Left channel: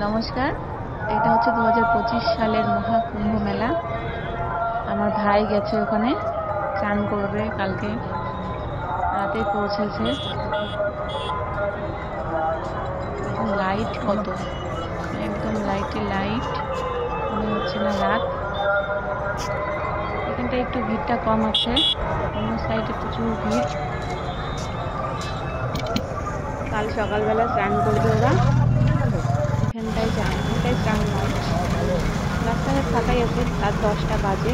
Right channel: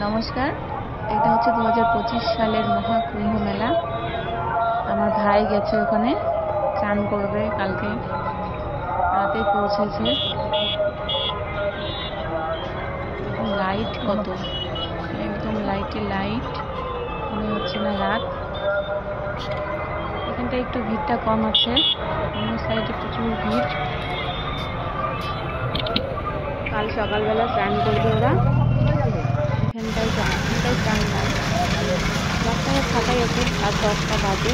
নমস্কার, এটা হচ্ছে 2025 সালের মহাকুম্ভ মেলা। আমার ভাই গেছে ওখানে চান করবে, কালকে রাতে পৌঁছেছে। লাইট কত, একদম লাইটে লাইট, মনে হচ্ছে না রাত। এখানটা একটু ভিড়টা কম আছে, অন্য সাইডে প্রচুর ভিড়। কাল সকালবেলা স্নান করবে ওরা, এখানটায় চান নাই। রাস্তাঘাট ফাঁকাই আছে, রাত 10টা বাজে।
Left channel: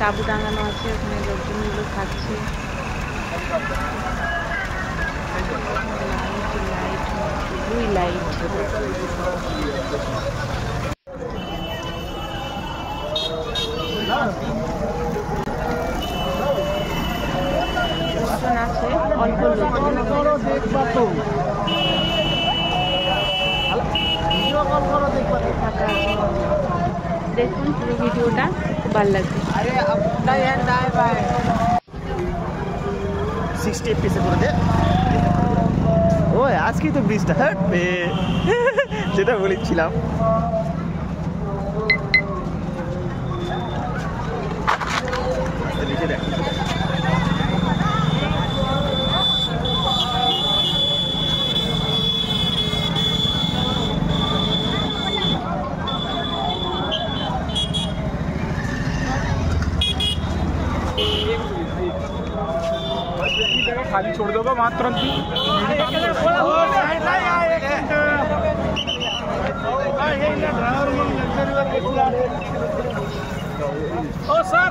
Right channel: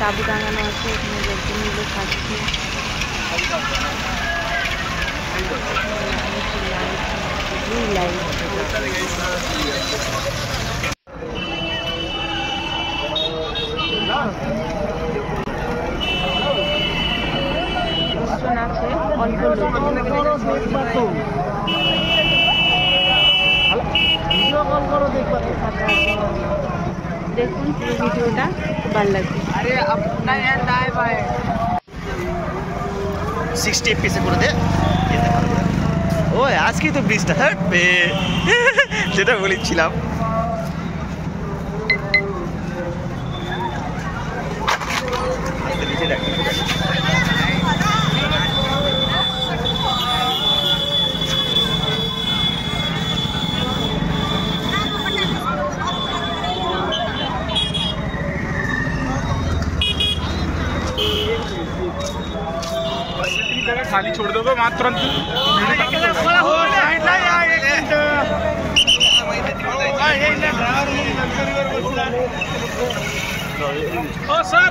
তাঁবু টাঙানো আছে, এখানে লোকজনগুলো থাকছে। লাইট লাইট শুধুই লাইট। লোকজন আছে, অল্প লোকজন। ফাঁকা আছে, দেখুন পুরো ভিডিওটা, খুব ভালো লাগবে। 60 পিসে করে দে। ও আজকেই তো ব্রিজটা যেটা বলেছিলাম। खाली छोड़ दो मात्र सर।